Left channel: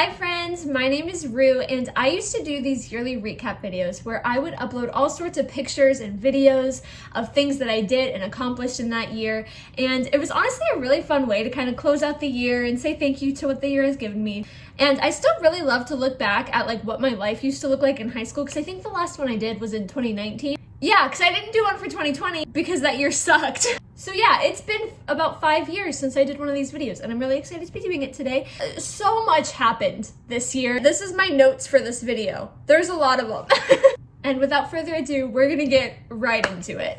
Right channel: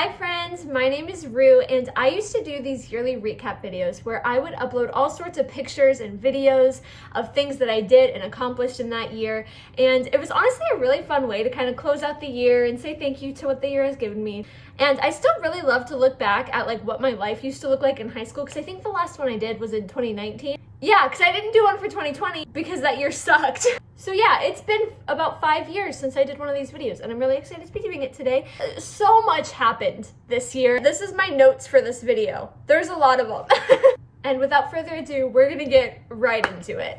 Hi friends, my name is Rue and I used to do these yearly recap videos where I would upload all sorts of pictures and videos of things that I did and accomplished in that year, and it was honestly a really fun way to kind of close out the year and say thank you to what the year has given me. And I still really love to look back at like what my life used to look like in high school, because I think the last one I did was in 2019. Yeah, because I didn't do one for 2020 because that year sucked. So yeah, it's been about 5 years since I did one of these videos and I'm really excited to be doing it today. So much happened this year. This is my notes for this video. There's a lot of them. And without further ado, we're gonna get right into it.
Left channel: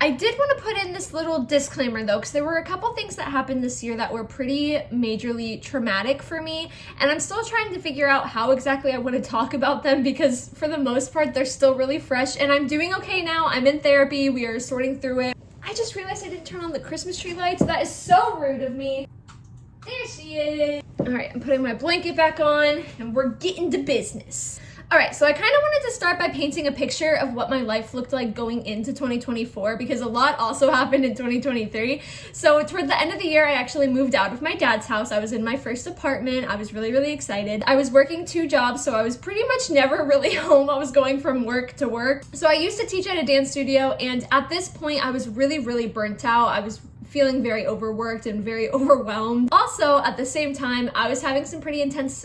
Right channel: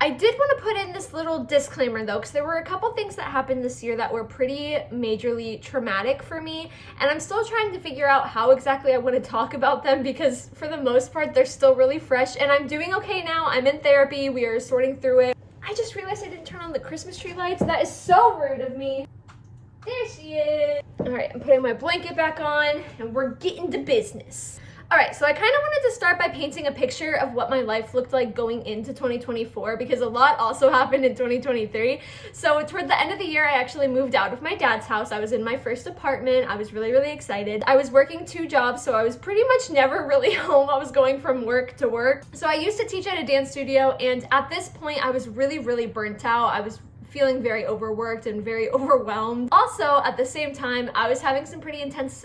I did want to put in this little disclaimer though, because there were a couple things that happened this year that were pretty majorly traumatic for me, and I'm still trying to figure out how exactly I want to talk about them, because for the most part they're still really fresh and I'm doing okay now. I'm in therapy, we are sorting through it. I just realized I didn't turn on the Christmas tree lights. That is so rude of me. There she is. All right, I'm putting my blanket back on and we're getting to business. All right, so I kind of wanted to start by painting a picture of what my life looked like going into 2024, because a lot also happened in 2023. So toward the end of the year, I actually moved out of my dad's house. I was in my first apartment. I was really, really excited. I was working 2 jobs, so I was pretty much never really home. I was going from work to work. So I used to teach at a dance studio, and at this point, I was really, really burnt out. I was feeling very overworked and very overwhelmed. Also, at the same time, I was having some pretty intense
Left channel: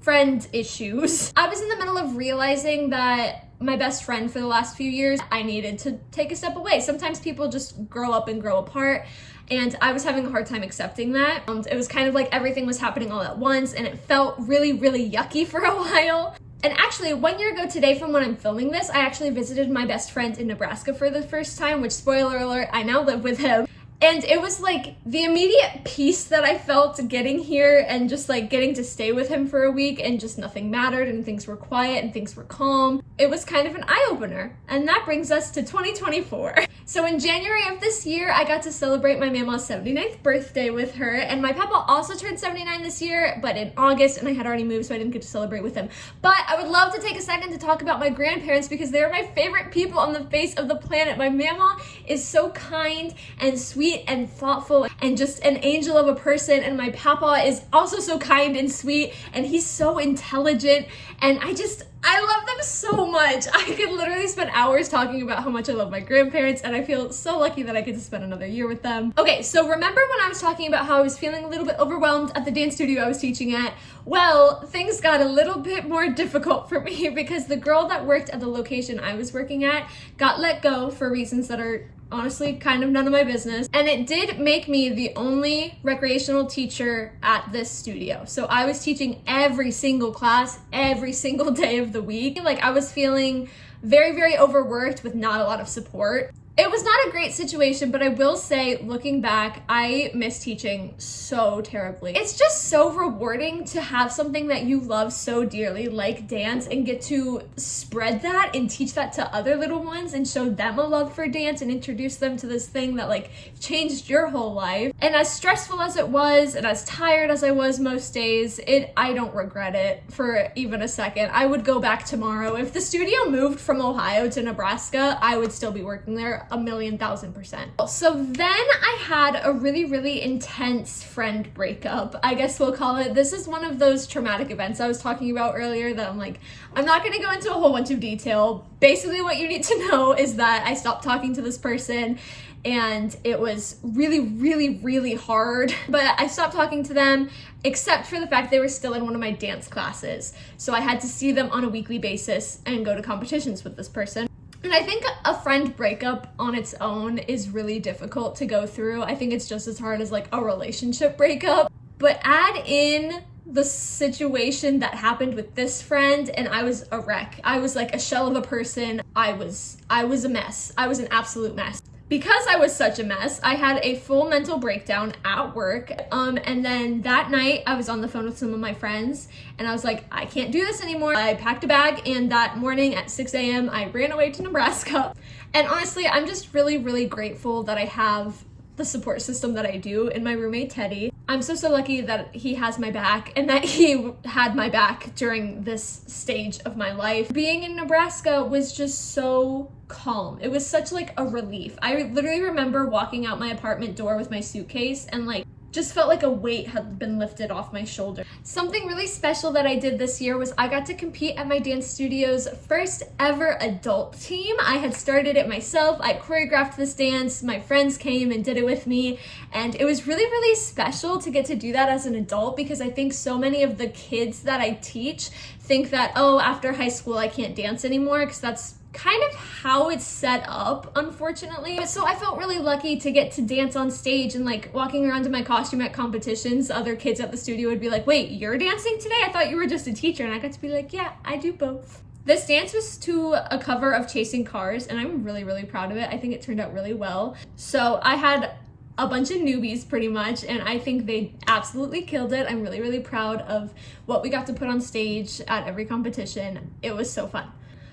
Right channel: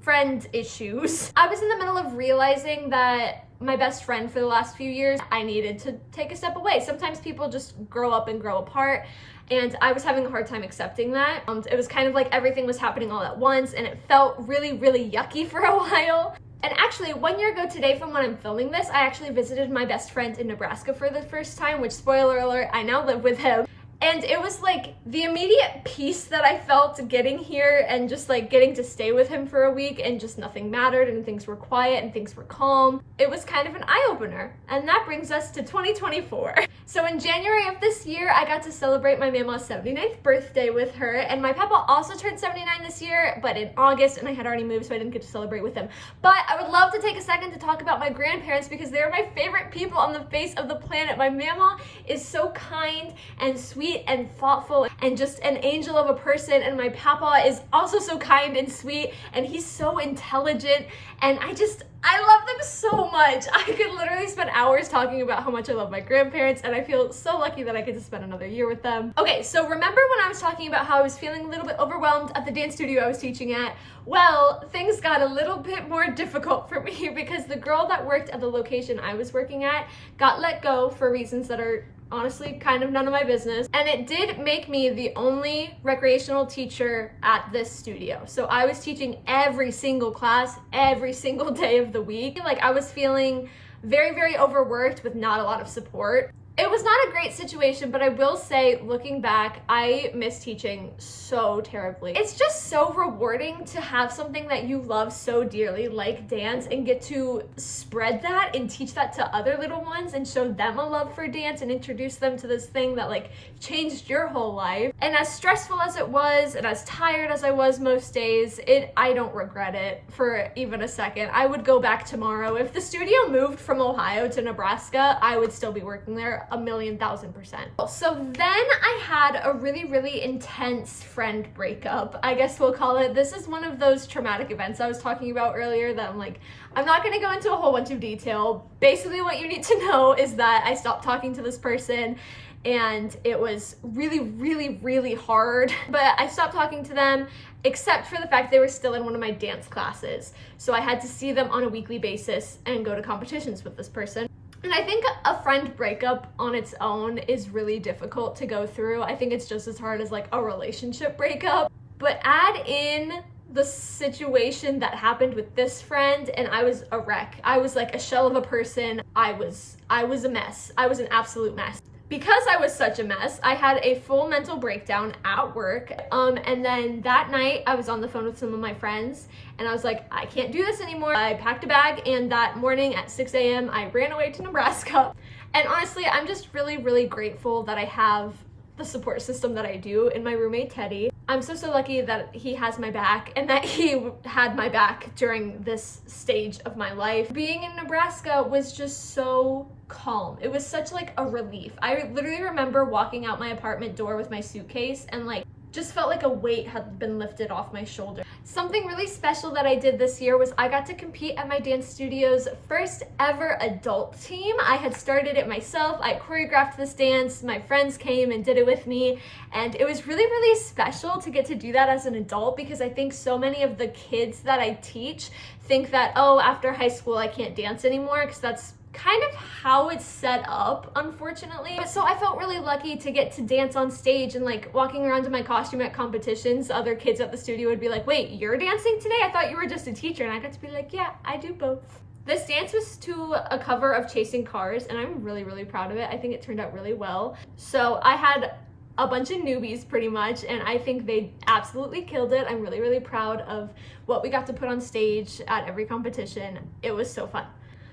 friend issues. I was in the middle of realizing that my best friend for the last few years, I needed to take a step away. Sometimes people just grow up and grow apart, and I was having a hard time accepting that. It was kind of like everything was happening all at once, and it felt really, really yucky for a while. And actually, 1 year ago today from when I'm filming this, I actually visited my best friend in Nebraska for the first time, which, spoiler alert, I now live with him. And it was like the immediate peace that I felt getting here and just like getting to stay with him for a week, and just nothing mattered and things were quiet and things were calm. It was kind of an eye-opener. And that brings us to 2024. So in January of this year, I got to celebrate my mama's 79th birthday with her, and my papa also turned 79 this year, but in August, and I had already moved, so I didn't get to celebrate with him. But I would love to take a second to talk about my grandparents, because they're my favorite people on the face of the planet. My mama is so kind and sweet and thoughtful and just an angel of a person, and my papa is also so kind and sweet, and he's so intelligent, and I love them so much. I could literally spend hours talking about how much I love my grandparents, and I feel so lucky that I get to spend another year with them. Okay, so remember when I was talking about how I was feeling a little bit overwhelmed at the dance studio I was teaching at? Well, things got a little bit more difficult for me because the girl that worked at the location I was working at got let go for reasons that are honestly kind of none of my business, and it did make me the only recreational teacher at this studio. So I was teaching every single class every single day of the week. Like, I was feeling very, very overworked with not a lot of support. It was not a great situation, but I will say, looking back, I miss teaching so terribly. It's just so rewarding to have something that you love so dearly, like dance, and get to spread that and teach that to other little ones and show them a love for dance and introduce them to this thing that like changed your whole life. And as stressful as it was, and as tired as I was most days, I don't regret it for even a second. I would go back tomorrow. If the studio moved from Ohio to Nebraska, I would still be working there 1,000,000%. So then I had a really, really intense friend breakup, I guess we'll call it. This is one of those traumatic events I was talking about earlier that I'm not gonna go into a whole bunch of detail. Basically what you need to know is that I stopped talking to this person, and it was really, really, really hard. But I stopped talking to them, except for the fact they were still in one of my dance classes. So I had to see them on a weekly basis and go to competitions with this person. And I think a friend breakup on its own is really difficult to go through. I think it's just as hard as like a relationship breakup. But add in the situation that happened with this friend, and I was a wreck. I was like a shell of a person. I was a mess. I was an absolute mess. Because I was such a mess, I had a full mental breakdown at work. And then that night I was on the phone with some of my friends, and I was like, I can't do this anymore. I packed a bag, and that morning at 6 a.m. I ran away to Nebraska. And honestly, I'm just really, really grateful that I have the support system that I do in my roommate Teddy. I'm so lucky that he has my back and that he had my back during this stage of my life. Being in Nebraska was just so calm. It was such like a relief. I literally remember walking out my apartment door with my suitcase and like just felt like a weight had been lifted off my shoulder. Something really special that I did this year was I got to compete at my dance studio's first ever adult team. I had started it myself. I choreographed this dance. My friends came and did it with me. And it was really special to get to do that as an adult, because I think so many of the kids that I teach think that, oh, after high school, I can't dance anymore, because that's kind of how it's set up, unfortunately. So I felt really lucky to get to dance on stage, and like walking around in my costume at competitions, other kids at the studio would be like, wait, you're dancing today? I thought you were just a teacher. And I got to be like, yeah, I do both. This dance was to a cover of Chasing Cars, and I'm really proud of it. I think it turned out really well. So I had a bunch of newbies pretty much, and I think they absolutely killed it. I'm really proud of what we got to put on stage at every competition. It was so fun.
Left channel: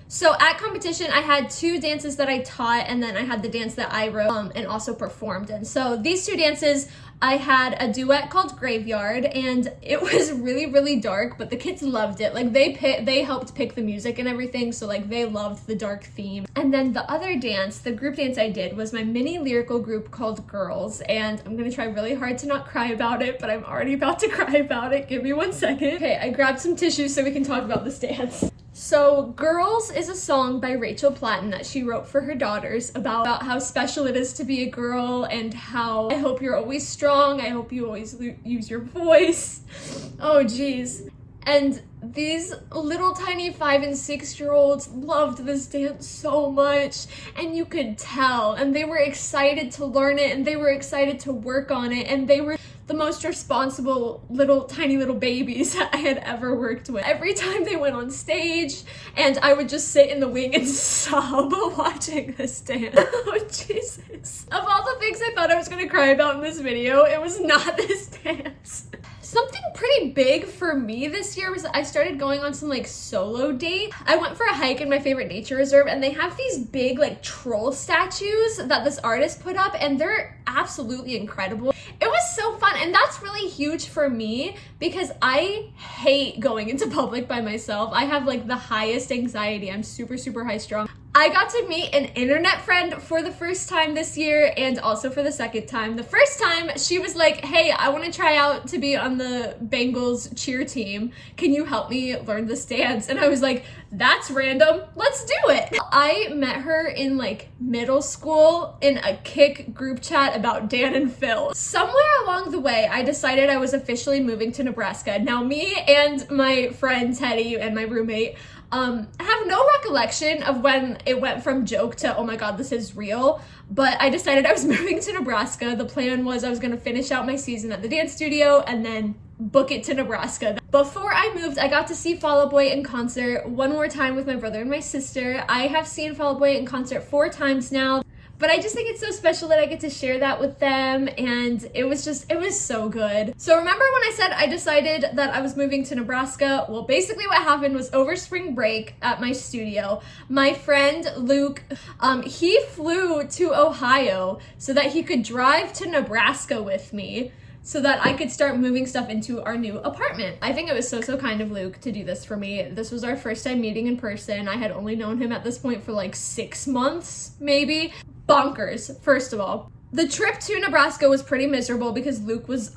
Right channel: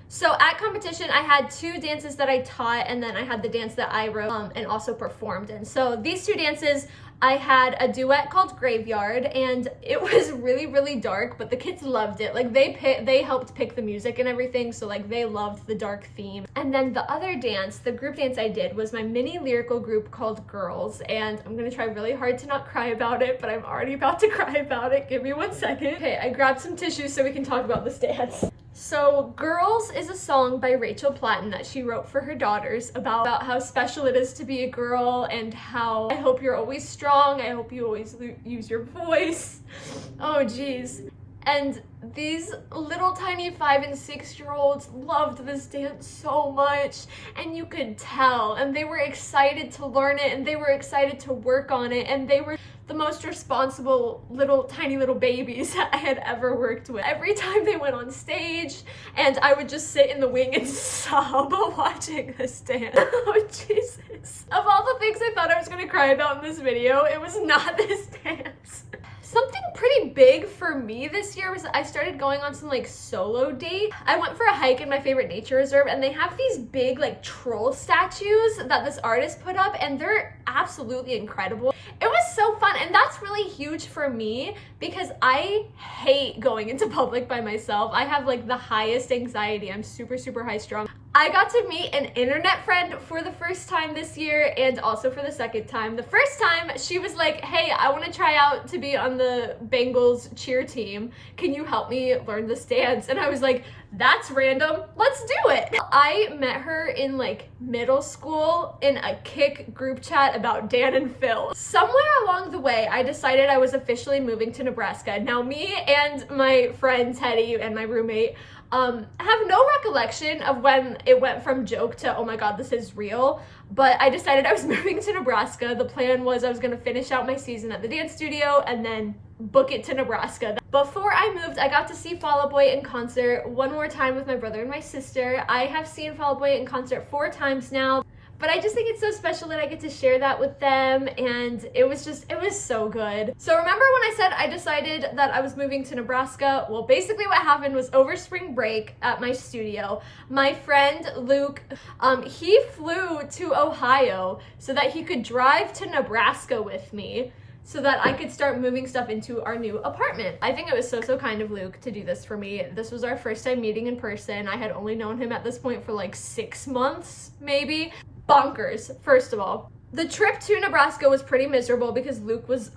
So at competition, I had 2 dances that I taught, and then I had the dance that I wrote and also performed in. So these 2 dances, I had a duet called Graveyard, and it was really dark, but the kids loved it. Like they helped pick the music and everything, so like they loved the dark theme. And then the other dance, the group dance I did, was my mini lyrical group called Girls, and I'm gonna try really hard to not cry about it, but I'm already about to cry about it. Give me 1 second. Okay, I grabbed some tissues so we can talk about this dance. So Girls is a song by Rachel Platten that she wrote for her daughters about how special it is to be a girl, and how I hope you're always strong, I hope you always use your voice. Oh geez. And these little tiny 5 and 6-year-olds loved this dance so much, and you could tell, and they were excited to learn it, and they were excited to work on it, and they were the most responsible tiny little babies I had ever worked with. Every time they went on stage, and I would just sit in the wing and sob watching this dance. Oh Jesus. Of all the things I thought I was gonna cry about in this video, it was not this dance. Something pretty big for me this year was that I started going on some like solo dates. I went for a hike in my favorite nature reserve, and they have these big like troll statues that this artist put up, and they're absolutely incredible. It was so fun, and that's really huge for me because I hate going into public by myself. I have like the highest anxiety. I'm super high strung. I got to meet an internet friend for the first time this year, and also for the second time. The first time, she was like, hey, I want to try out to be on the Bengals cheer team. Can you help me learn this dance? And I was like, that's random. Let's do it. I met her in like middle school in a Kik group chat about Dan and Phil. Somewhere along the way, I decided I was officially moving to Nebraska. Now, me and my friend Teddy and my roommate have no recollection of when it went from joke to, oh my god, this is real. But I decided I was moving to Nebraska. The plan was I was gonna finish out my season at the dance studio and then book it to Nebraska. Before I moved, I got to see Fall Out Boy in concert one more time with my brother and my sister. I have seen Fall Out Boy in concert 4 times now. But I just think it's so special that I get to share that with them, and it was so good. So remember when I said I decided that I was moving to Nebraska? Well, basically what happened was over spring break at my studio, my friend Luke, he flew to Ohio so that he could drive to Nebraska with me, so that I could start moving stuff into our new apartment. I think it was so kind of Luke to do this for me. This was our first time meeting in person. I had only known him at this point for like 6 months, maybe. Bonkers, first of all. The trip to Nebraska was pretty miserable because Luke was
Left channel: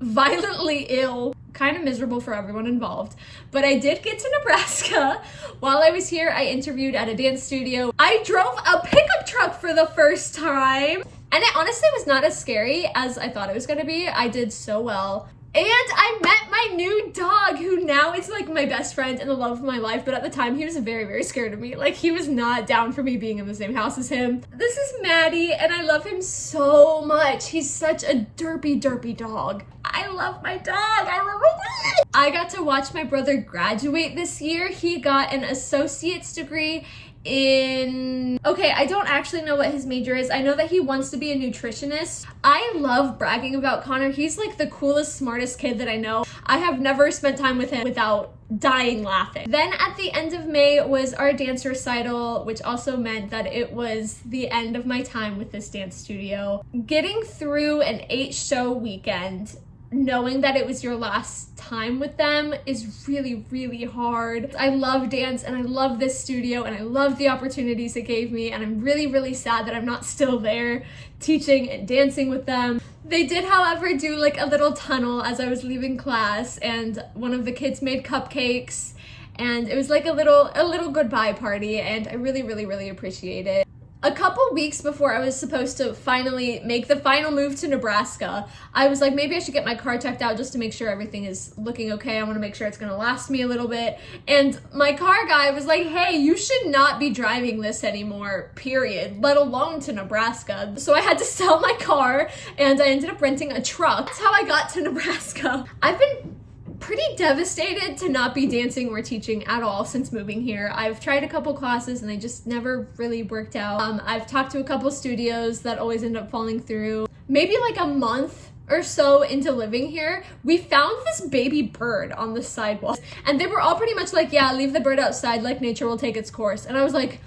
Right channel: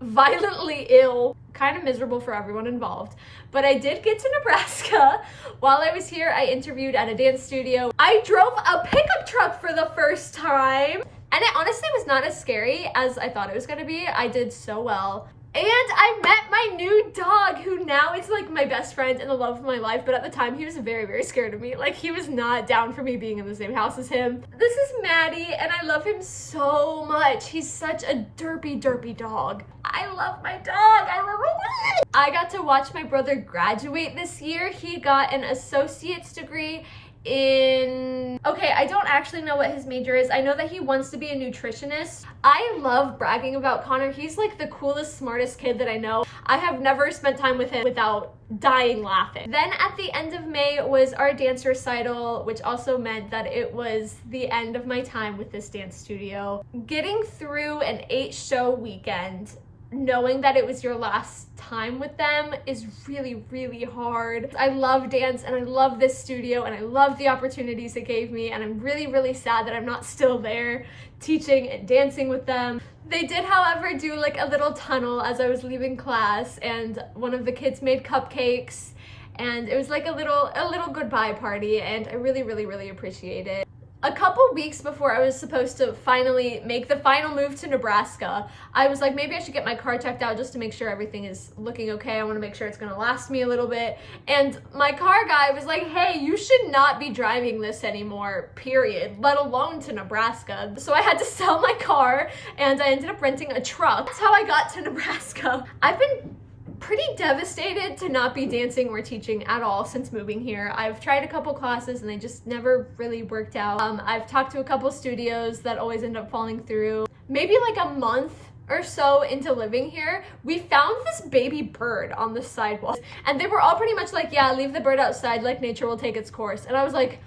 violently ill. Kind of miserable for everyone involved. But I did get to Nebraska. While I was here, I interviewed at a dance studio. I drove a pickup truck for the first time. And it honestly was not as scary as I thought it was gonna be. I did so well. And I met my new dog, who now is like my best friend and the love of my life, but at the time he was very scared of me. Like, he was not down for me being in the same house as him. This is Maddie, and I love him so much. He's such a derpy dog. I love my dog. I love my dog. I got to watch my brother graduate this year. He got an associate's degree in, okay, I don't actually know what his major is. I know that he wants to be a nutritionist. I love bragging about Connor. He's like the coolest, smartest kid that I know. I have never spent time with him without dying laughing. Then at the end of May was our dance recital, which also meant that it was the end of my time with this dance studio. Getting through an 8-show weekend knowing that it was your last time with them is really, really hard. I love dance and I love this studio and I love the opportunities it gave me, and I'm really, really sad that I'm not still there teaching and dancing with them. They did, however, do like a little tunnel as I was leaving class, and one of the kids made cupcakes, and it was like a little goodbye party, and I really, really, really appreciate it. A couple weeks before I was supposed to finally make the final move to Nebraska, I was like, maybe I should get my car checked out just to make sure everything is looking okay. I want to make sure it's going to last me a little bit. And my car guy was like, hey, you should not be driving this anymore, period, let alone to Nebraska. So I had to sell my car and I ended up renting a truck. That's how I got to Nebraska. I've been pretty devastated to not be dancing or teaching at all since moving here. I've tried a couple classes and they just never really worked out. I've talked to a couple studios that always end up falling through. Maybe like a month or so into living here, we found this baby bird on the sidewalk, and they were all pretty much like, yeah, leave the bird outside, like nature will take its course. And I was like,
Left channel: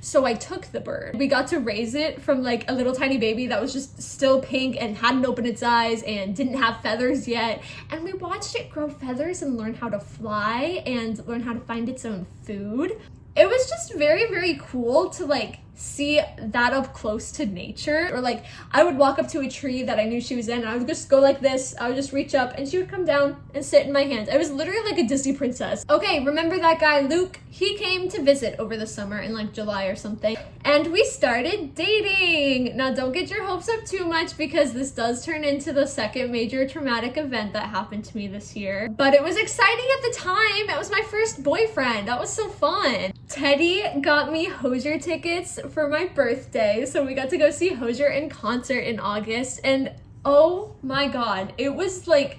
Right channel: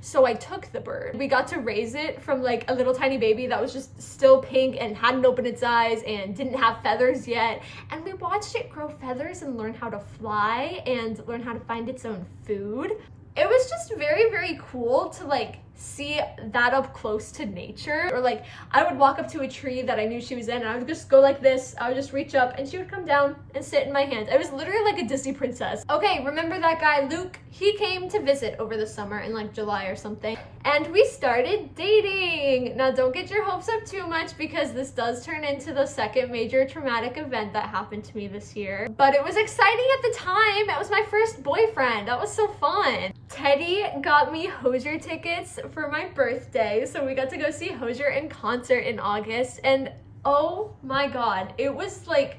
so I took the bird. We got to raise it from like a little tiny baby that was just still pink and hadn't opened its eyes and didn't have feathers yet. And we watched it grow feathers and learn how to fly and learn how to find its own food. It was just very, very cool to like see that up close to nature. Or like I would walk up to a tree that I knew she was in and I would just go like this. I would just reach up and she would come down and sit in my hand. It was literally like a Disney princess. Okay, remember that guy Luke? He came to visit over the summer in like July or something, and we started dating. Now don't get your hopes up too much because this does turn into the second major traumatic event that happened to me this year. But it was exciting at the time. It was my first boyfriend. That was so fun. Teddy got me Hozier tickets for my birthday, so we got to go see Hozier in concert in August, and oh my god, it was like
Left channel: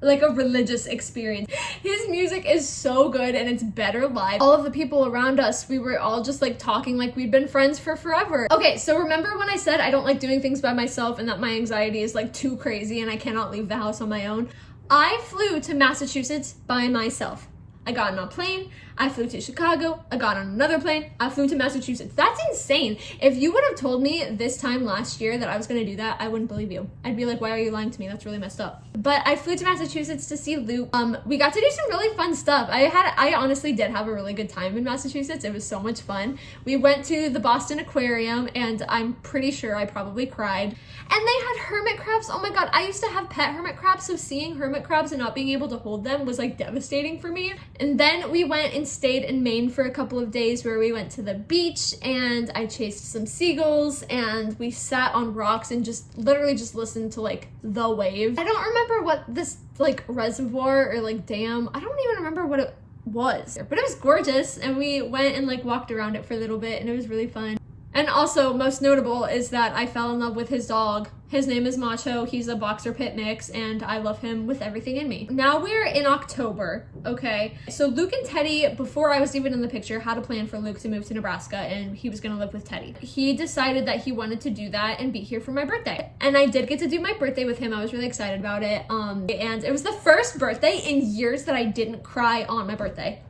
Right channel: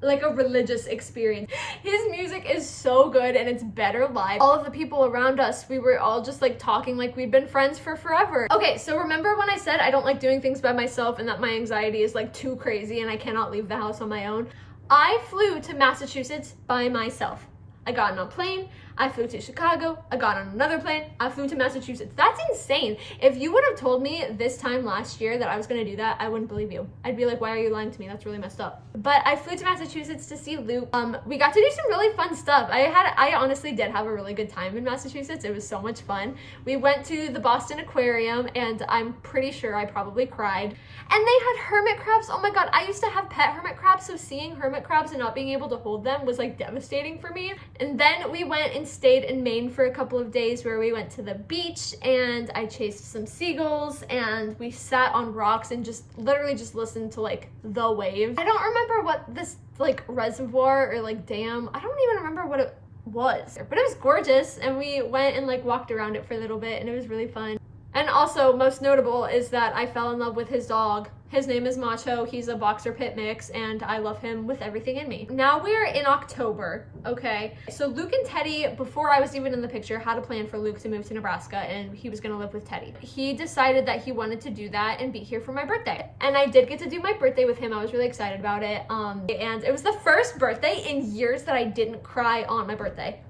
a religious experience. His music is so good and it's better live. All of the people around us, we were all just like talking like we'd been friends for forever. Okay, so remember when I said I don't like doing things by myself and that my anxiety is like too crazy and I cannot leave the house on my own? I flew to Massachusetts by myself. I got on a plane, I flew to Chicago, I got on another plane, I flew to Massachusetts. That's insane. If you would have told me this time last year that I was gonna do that, I wouldn't believe you. I'd be like, why are you lying to me? That's really messed up. But I flew to Massachusetts to see Luke. We got to do some really fun stuff. I honestly did have a really good time in Massachusetts. It was so much fun. We went to the Boston Aquarium and I'm pretty sure I probably cried. And they had hermit crabs. Oh my god, I used to have pet hermit crabs, so seeing hermit crabs and not being able to hold them was like devastating for me. And then we went and stayed in Maine for a couple of days where we went to the beach and I chased some seagulls and we sat on rocks and just literally just listened to like the waves. I don't remember what this like reservoir or like dam, I don't even remember what it was, but it was gorgeous, and we went and like walked around it for a little bit and it was really fun. And also, most notable is that I fell in love with his dog. His name is Macho. He's a boxer pit mix, and I love him with everything in me. Now we're in October, okay? So Luke and Teddy, before I was even in the picture, had a plan for Luke to move to Nebraska, and he was gonna live with Teddy. He decided that he wanted to do that and be here for my birthday. And I did get to do my birthday with him. I was really excited about it. And it was the first birthday in years that I didn't cry on my birthday.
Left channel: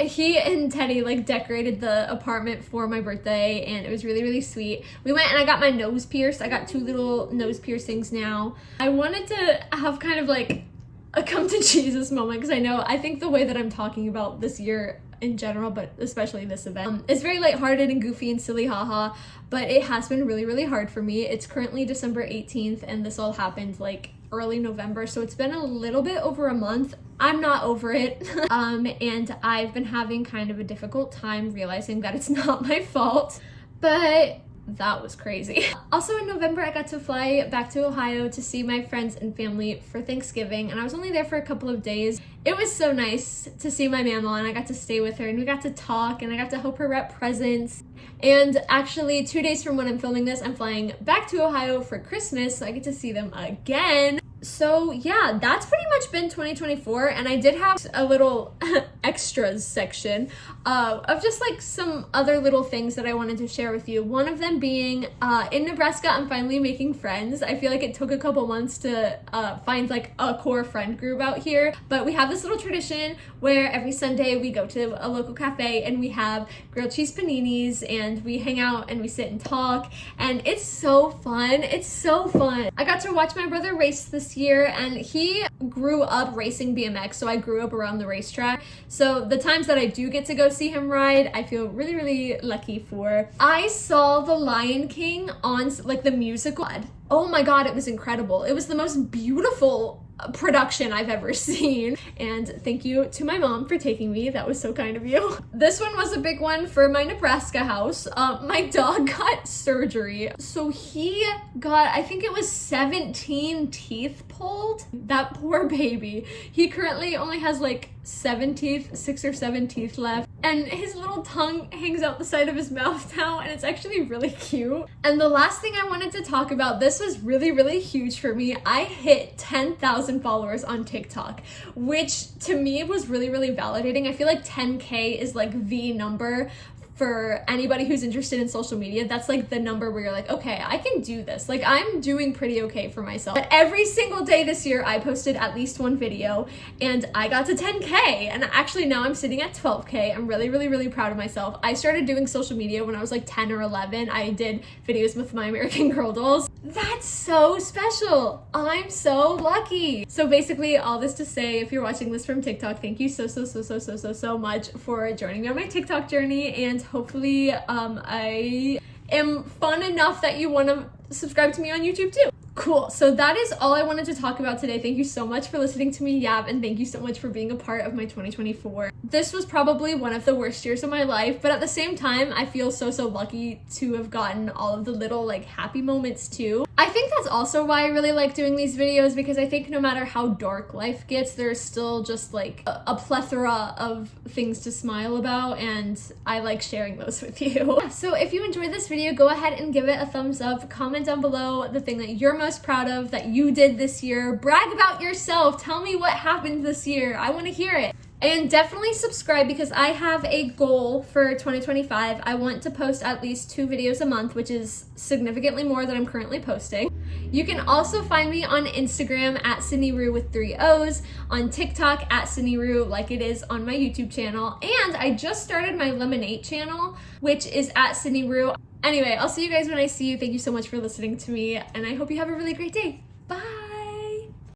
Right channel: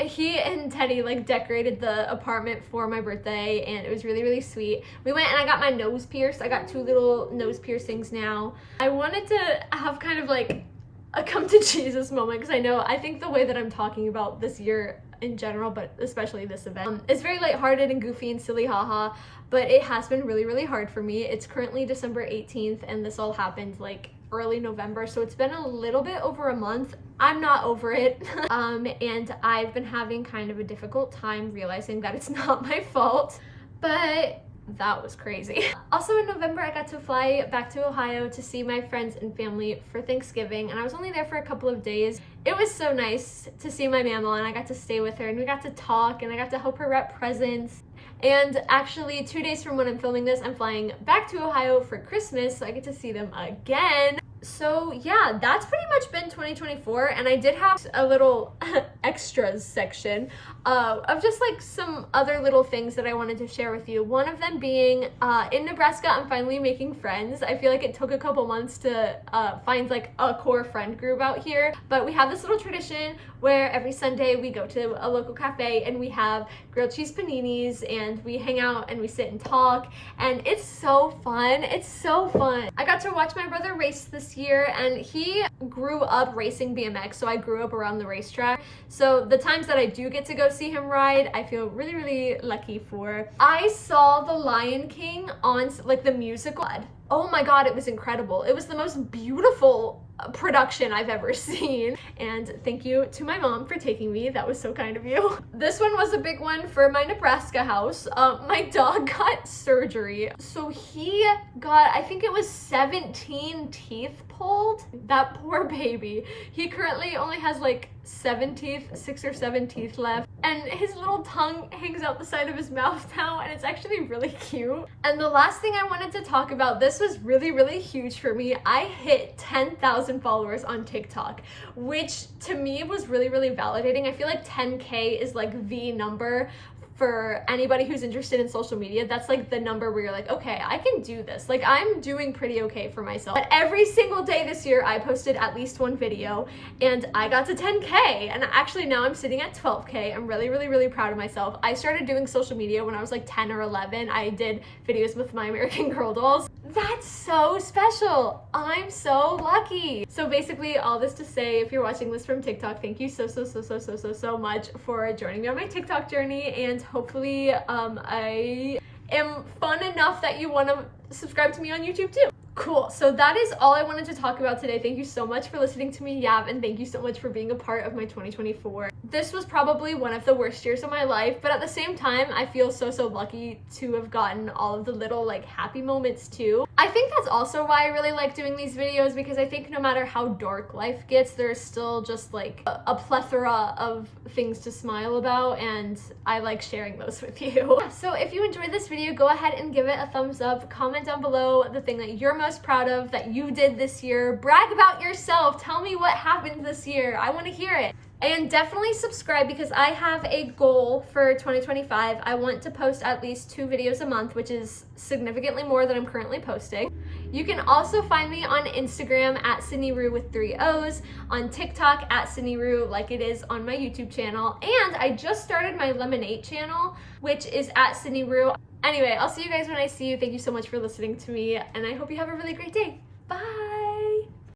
He and Teddy like decorated the apartment for my birthday and it was really, really sweet. We went and I got my nose pierced. I got 2 little nose piercings now. I wanted to have kind of like a come to Jesus moment because I think the way that I'm talking about this year in general, but especially this event, is very lighthearted and goofy and silly, haha, but it has been really, really hard for me. It's currently December 18th and this all happened like early November, so it's been a little bit over a month. I'm not over it. And I've been having kind of a difficult time realizing that it's not my fault, but that was crazy. Also in November, I got to fly back to Ohio to see my friends and family for Thanksgiving, and I was only there for a couple of days. It was so nice to see my mama, and I got to stay with her, and we got to talk, and I got to help her wrap presents. And actually, 2 days from when I'm filming this, I'm flying back to Ohio for Christmas, so I get to see them again. So yeah, that's pretty much been 2024, and I did have a little extras section of just like some other little things that I wanted to share with you. One of them being in Nebraska, I'm finally making friends. I feel like it took a couple months to find like a core friend group out here, but we have this little tradition where every Sunday we go to a local cafe and we have grilled cheese paninis and we hang out and we sit and talk, and it's so fun. It's so fun. I got to watch my brother race this this year, and he grew up racing BMX, so I grew up around the racetrack. So the times that I do get to go see him ride, I feel really, really lucky for. I saw The Lion King on like the musical. Oh my god, it was incredible. It was the most beautiful production I've ever seen. And thank you to my mom for taking me. That was so kind of you. This one was a big one for my Nebraska house. My dog got surgery. So he got, I think it was 17 teeth pulled. That poor baby. He currently only has like 7 teeth, 6 or 7 teeth left. And his little tongue hangs out the side of his mouth now, and it's actually really cute. And the last thing I wanted to talk about, this was really, really huge for me. I hit 10,000 followers on TikTok, which to me was really, really validating. I feel like 10K is like the number for anybody who's interested in social media. That's like the number where you're like, okay, I can do this. Like, I'm doing pretty okay for myself. But every single day this year, I posted at least one video, and I got to 10K. And actually now I'm sitting at 12K. I'm really, really, really proud of myself. I started doing social media when I was like 10 or 11. I did videos with my American Girl dolls. That's so special. I'm so lucky. So basically, all this to say, if you're watching this from TikTok, thank you so much for joining me on my TikTok journey, and hopefully I am fun enough that you want to subscribe to me on YouTube too. Cool. So that is all I wanted to talk about today. Thank you so much for listening to me yap, and thank you so much for being a part of my 2024. This was probably one of the worst years of my life, but at the same time, I feel so lucky to have gotten all of the little like happy moments too. I think that's also why I really like doing these videos, because I think no matter how dark life gets, there's still just like a plethora of things to smile about, and I like sharing those with you. So if you enjoyed this video, go ahead and give it a thumbs up. Comment down below the thing that you're most proud of that you did this year. Brag about yourself. Tell me what happened this year. I want to hear it. And definitely subscribe, because I have a goal for 2025. I want to post at least 2 videos a month, which is significantly more than I'm currently posting. You can also find me on Instagram at SydneyRue with 3 O's, on TikTok at SydneyRue like it is on my YouTube channel, and I just started my Lemonade channel, which is at SydneyRue. Anyway, I'll see you guys when I see you. Thank you so much for listening to me, and I hope you have a really great day. Bye!